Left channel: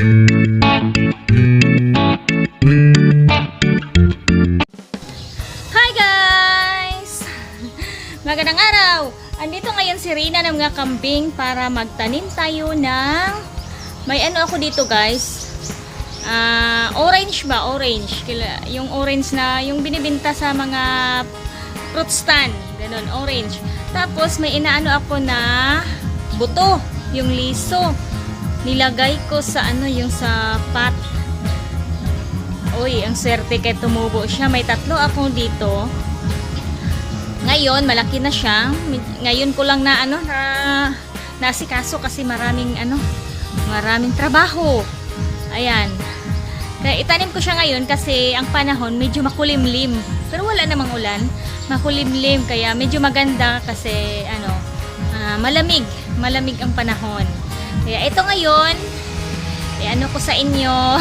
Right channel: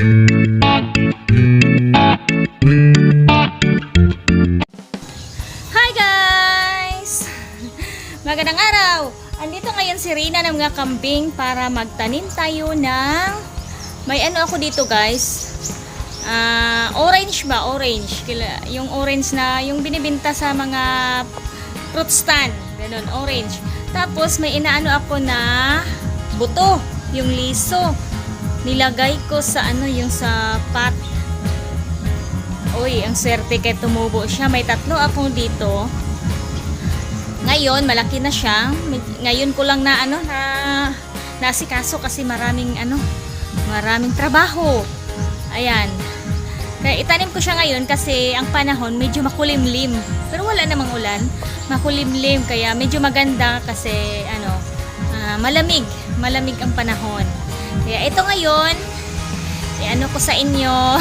Hi guys! Magandang araw! Andito ngayon si Rina ng mga kambing para magtanim tayo ng may ano ako dito guys. Orange ba? Orange. Yung orange na yung binibenta sa mga fruit stand. Ganun, orange. Tapos may inaano ako na buto. Yung liso. Nilagay ko sa ano, yung sa pot. Uy, ang swerte kay tumubo siya. May 3 ako dito. Ngayon, malaki na siya. Ngayon ko lang na ano, nasikaso kasi maraming trabaho. Ayan. Kaya itanim ko siya ngayon kasi ang panahon medyo makulimlim. Pero wala namang ulan. Makulimlim kaya medyo maganda kasi malamig. Malamig ang panahon. Kaya ito ngayon, ano ko sa inyo.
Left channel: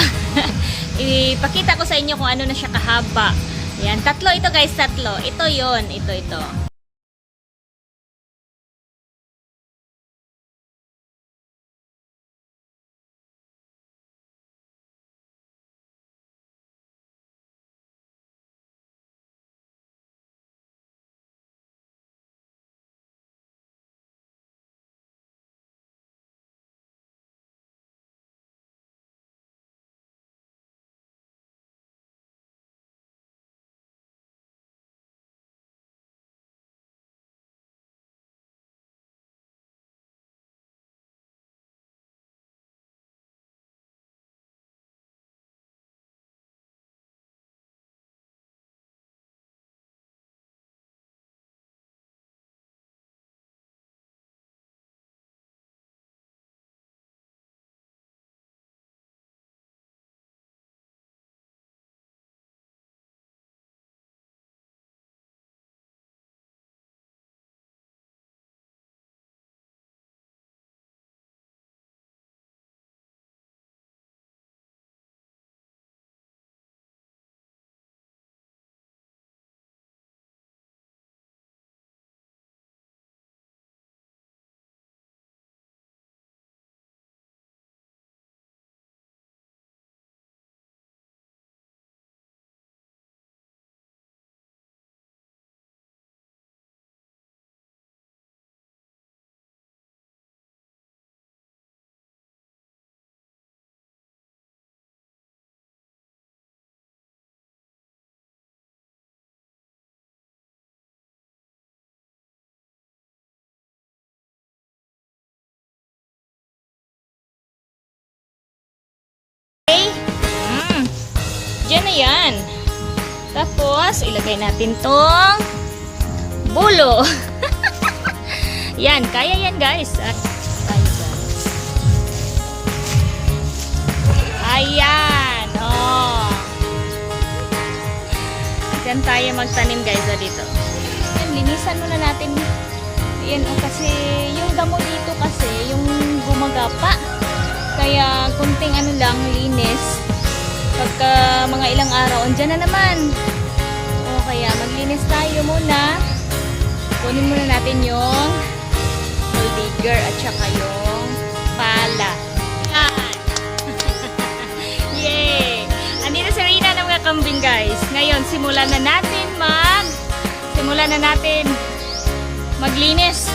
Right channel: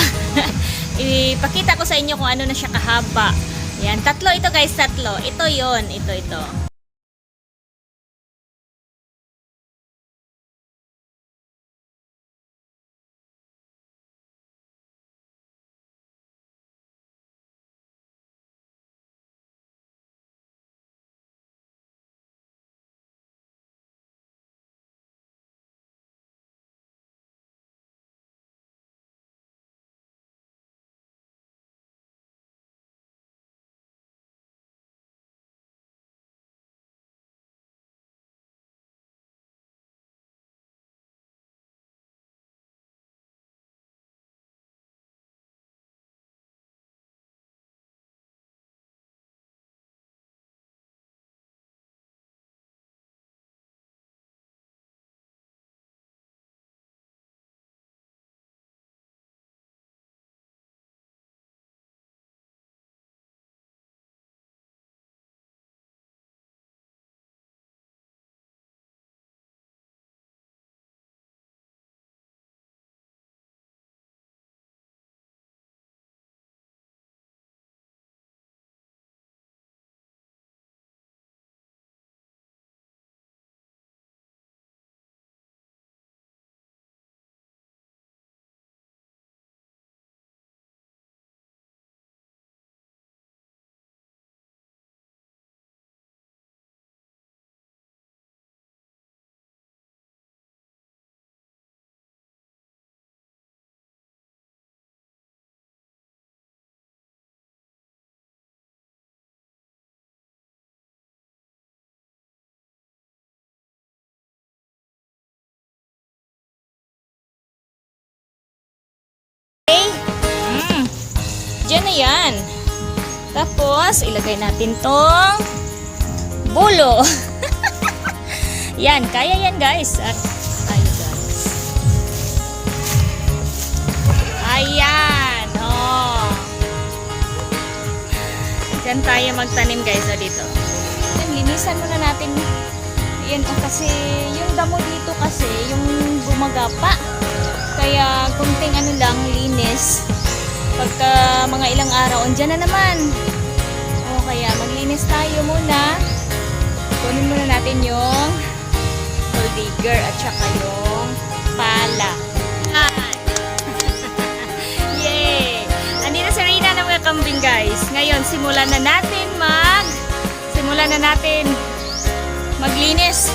Ipakita ko sa inyo kung ano na siya kahaba. Ayan, 3 ito guys, 3. Ito yon, ito. Okay. Diyan na yan. Tapos, ilagay natin tong bulo. Yan, kaya yan guys. At tayo guys. Ayan. Oh. Diyan tayo magtanim guys dito. Yan, linisan muna natin. Ayan, kasi yung damo dito kasi, yung gumagapa. Kaya kunting lang, linis. Pagka mga ilang araw, andyan na naman. O kaya maglinis tayo muna. Kunin muna natin yung gold digger at saka yung pala. Yan. Yay! Andito si Rina ng mga kambing guys. Ngayon, simulan na natin maglinis.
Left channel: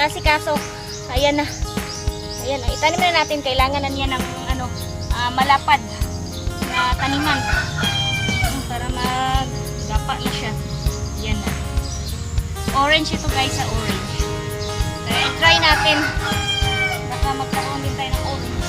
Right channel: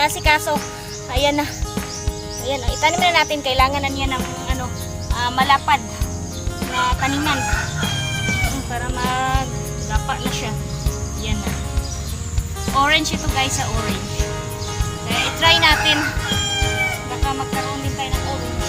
inasikaso. Ayan na. Ayan, itanim na natin. Kailangan na niya ng malapad na taniman. Para maggapa na siya. Ayan na. Orange ito guys, sa orange. Kaya i-try natin. Baka magkaroon din tayo ng orange.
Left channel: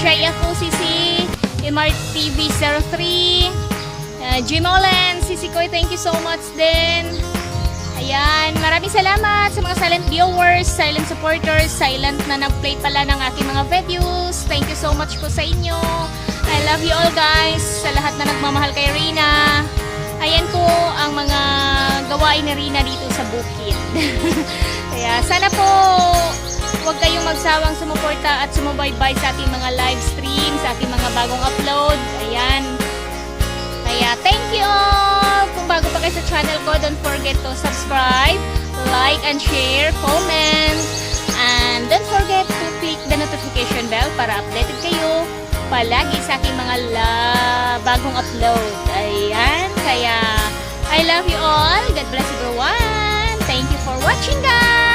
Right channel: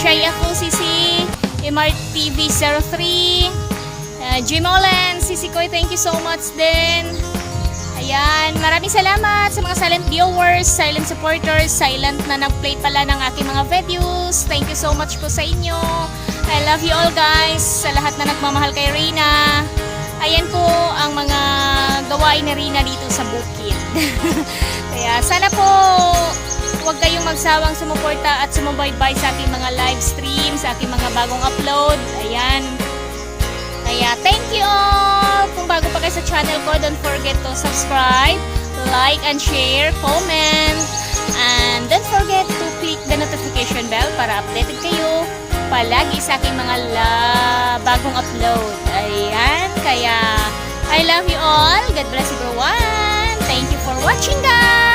Shy ako, Sisi, MRTV03, Jimolen, Sisi Koy, thank you so much din. Ayan, maraming salamat sa mga silent viewers, silent supporters, silent na nag-play pala ng aking mga videos. Thank you so much po sa inyo. I love you all guys, sa lahat na nagmamahal kay Reyna. Ayan po ang mga gawain ni Rina dito sa bukid. Kaya sana po huwag kayong magsawang sumuporta at sumubaybay sa aking mga live stream, sa aking mga bagong upload. Ayan. Kaya thank you all! Kung bago pa kayo sa channel ko, don't forget to subscribe, like and share, comment, and don't forget to click the notification bell para updated kayo palagi sa aking mga bagong upload. Ayan. Kaya I love you all. God bless everyone. Thank you for watching, guys!